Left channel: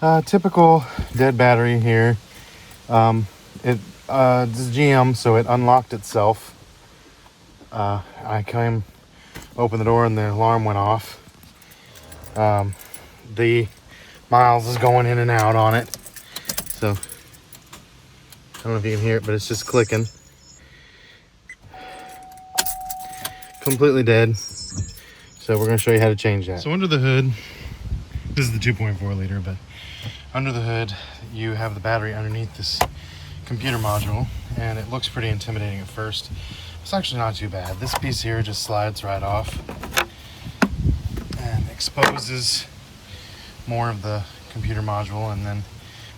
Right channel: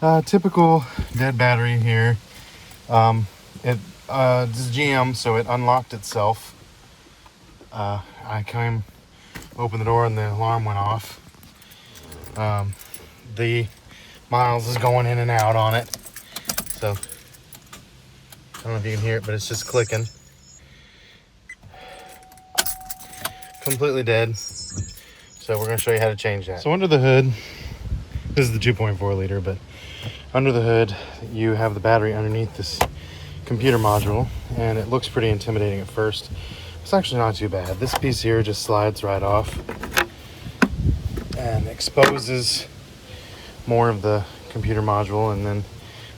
Typical dead battery here. This is GM, so it unlocked itself. I came, opened the door, and the alarm went off. The miles is going in and out on it, so I don't know if you can hear it, but it's just clicking. Completely dead. So we're going to show you how to change that. So under the hood, this is the 2.4 liter, but under the hood you have the battery underneath this computer module, and it looks pretty intimidating at first. It's actually not too bad. This piece here just slides right off and exposes more of the computer module, and then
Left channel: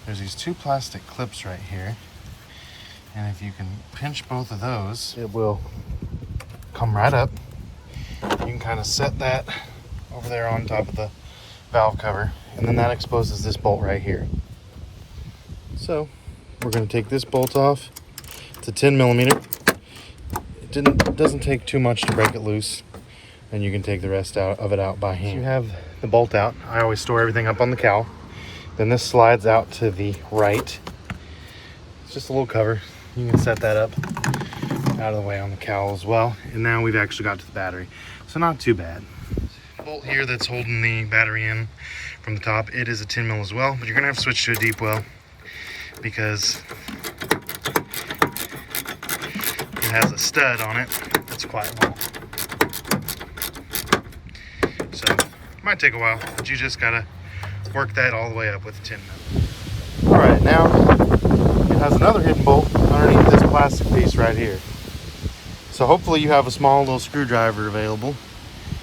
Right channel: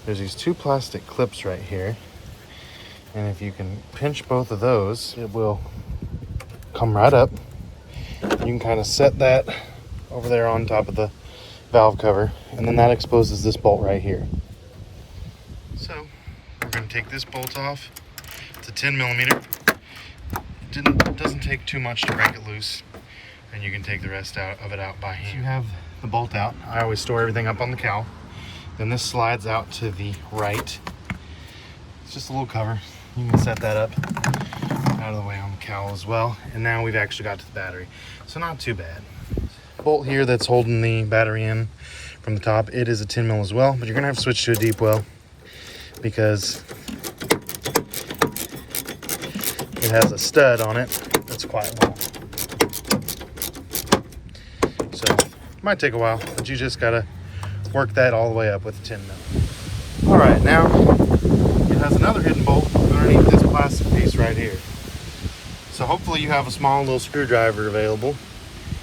there's these two plastic clips right here, and if you can pinch both of those, it will come right up. You can kind of set that over there on top of the valve cover, and then that exposes this bolt right here. So we're going to take this bolt off. It's a 10 millimeter. It doesn't take too much to break it loose, and you can take the rest of it out by hand. So you have the bolt out. I always store everything up on the cowl. Then this slides out to the right. It's just a little cover. You can set that up out of the way on the cowl as well. And now we've actually got to the battery. So not too bad. Bolt here that's holding the battery in from the top, it is a 10 mil as well, but you're gonna have to switch to a deep well because it has a stud on it that's quite long. So it might take a while, but you just gotta work that all the way up with a 10 mil. All right, now it has another hidden bolt underneath this plastic piece right here. So hopefully you have a small little screwdriver available,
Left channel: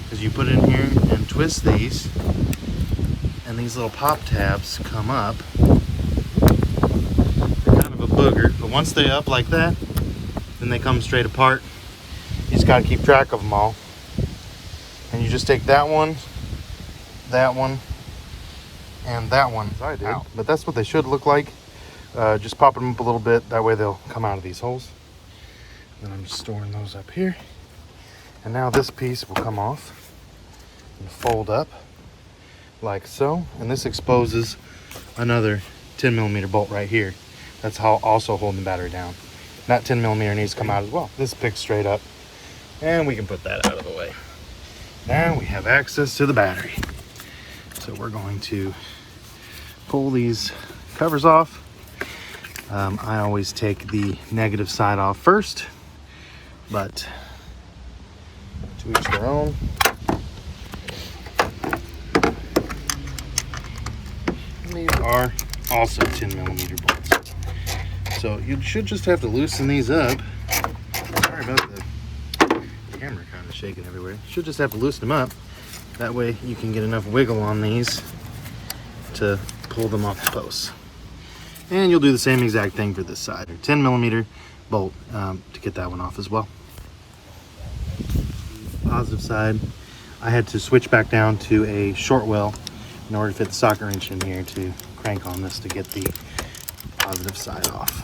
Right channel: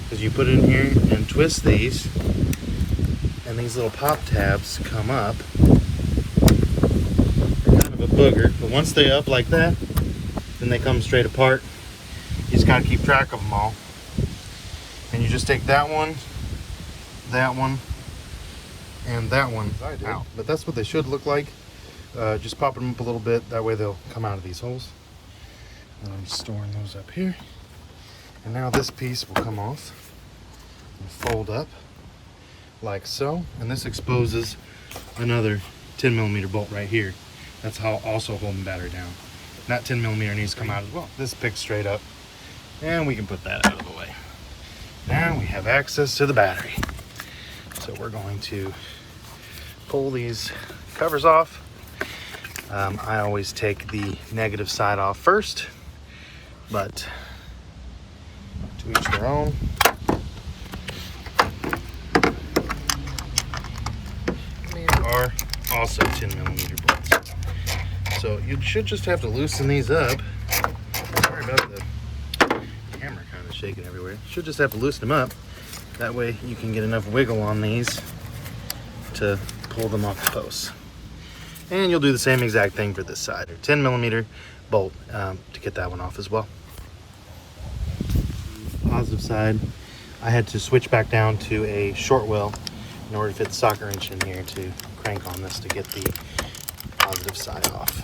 because you put it in here and twist these, and these little pop tabs come up. They're kind of a booger, but once they're up like that, then they come straight apart. You just gotta keep track of them all. And you just take that one, and that one out. But that's what they should look like. Just pop them up a little bit, that way they'll come out of these holes. And I'm just storing those up here. And now this piece will come off and fold up like so. And this exposes another 10 millimeter bolt right here. That's how also holding the battery down. And that 10 millimeter needs to come out as well. This picks straight up, and we can put that out of the way. Now we have access to the battery. So we're going to pull these covers off. I always take the negative side off first, but to each their own. These are also 10 millimeter bolts. So you should just have to loosen these up. Sorry about the camera kind of shaking everywhere. You should just have to loosen them up. That way you can get enough wiggle on these to pull them off the posts. And you'll do the same exact thing for this side. 10 millimeter bolt to get that one off as well. Positive side, I had to switch back down to a short well in order to fit the socket wrench in here to crank on this to get the positive side off.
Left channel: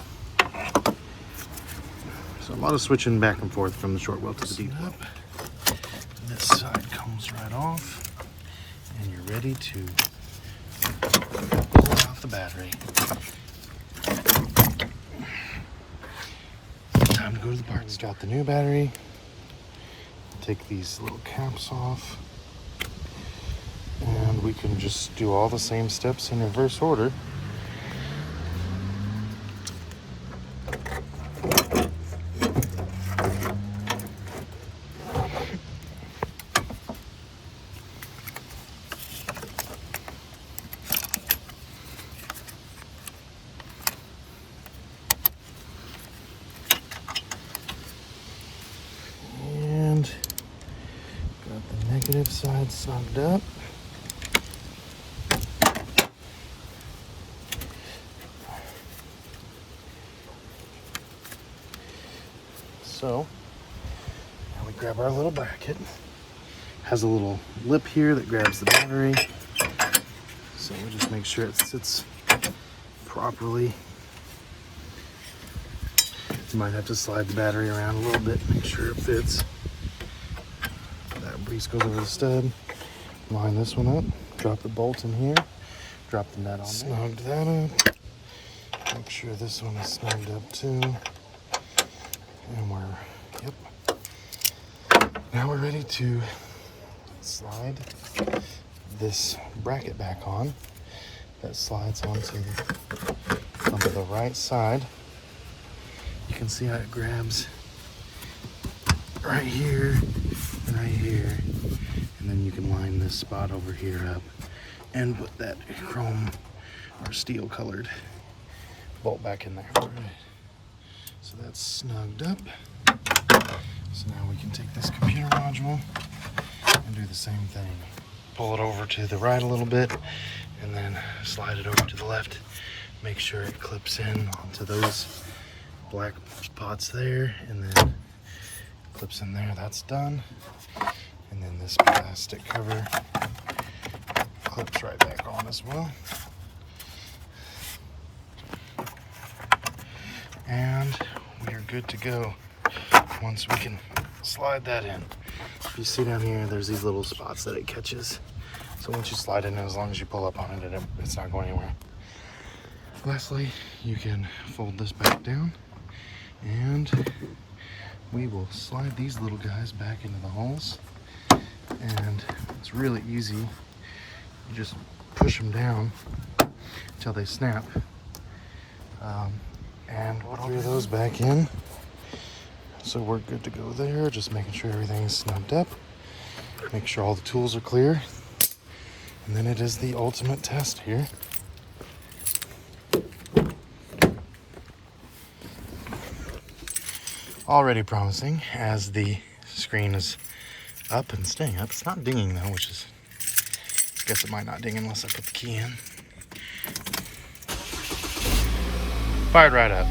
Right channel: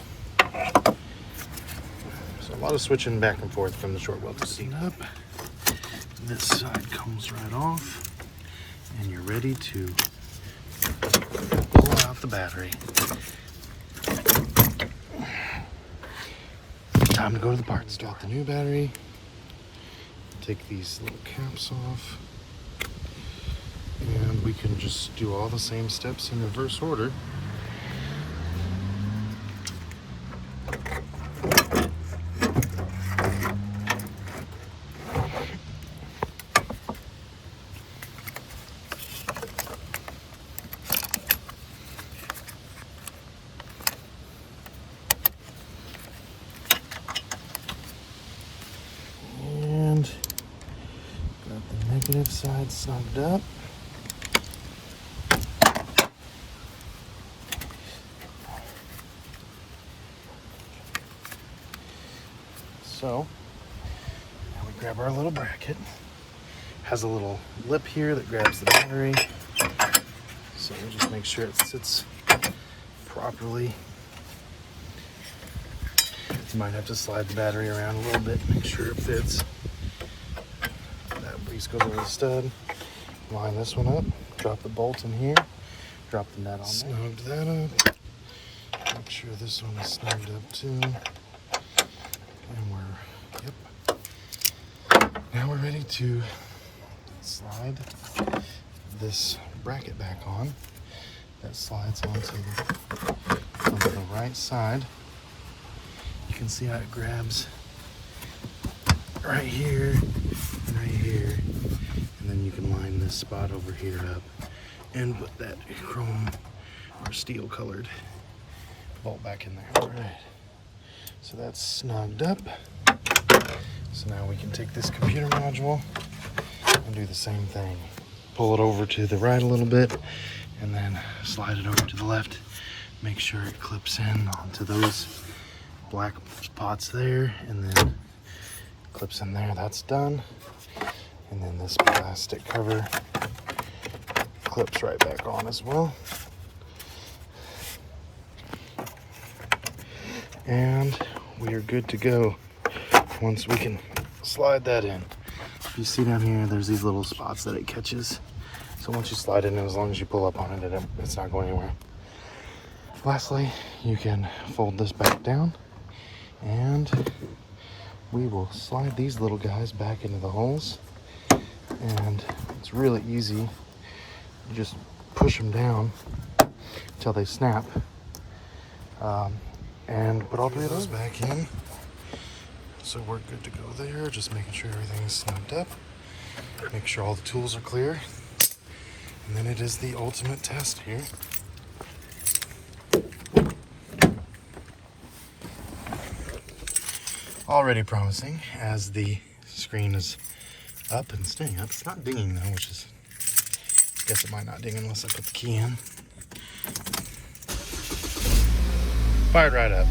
So a lot of switching back and forth from the short well to the deep. Up. This side comes right off, and you're ready to pull off the battery. Time to go to the parts. Got the new battery. Take these little caps off, and we can just do all the same steps in reverse order. Negative side snugged up. So we grab our little bracket. Has a little lip here that grabs the battery. So we'll just make sure it sits properly. You might have to slide the battery around a little bit to make sure it fits. That piece goes over the stud. Line this one up, drop the bolt in here, Drop the net. Snugged that up. Make sure this one is snugged up too. And now we're ready to slide this bracket back on. That slides onto the right side. You can see how it grabs right here, and then you can line this spot over here up and put that chrome or steel colored bolt back in there. All right, so that's snugged up. So now we can take this computer module and do the same thing. Pull it over to the right a little bit and then slide it over to the left. Make sure it clips in onto those black spots there, and then clips in there. That's done. And then this plastic cover clips right back on as well. And we are good to go once we can slide that in. You see down here, there's these little spots that it catches. So once you slide it in, as long as you pull up on it, it's not going anywhere. Lastly, you can fold this back down and we will slide these little guys back into the holes. And it's really easy. You just push them down until they snap. And put all of those back in. So we're good to go there. Just making sure everything's snugged up. Make sure all the tools are clear. And then it is the ultimate test here. Already promising as the screen is up and staying up. It's not dinging though, which is, I guess it might not ding unless I put the key in. Fired right up.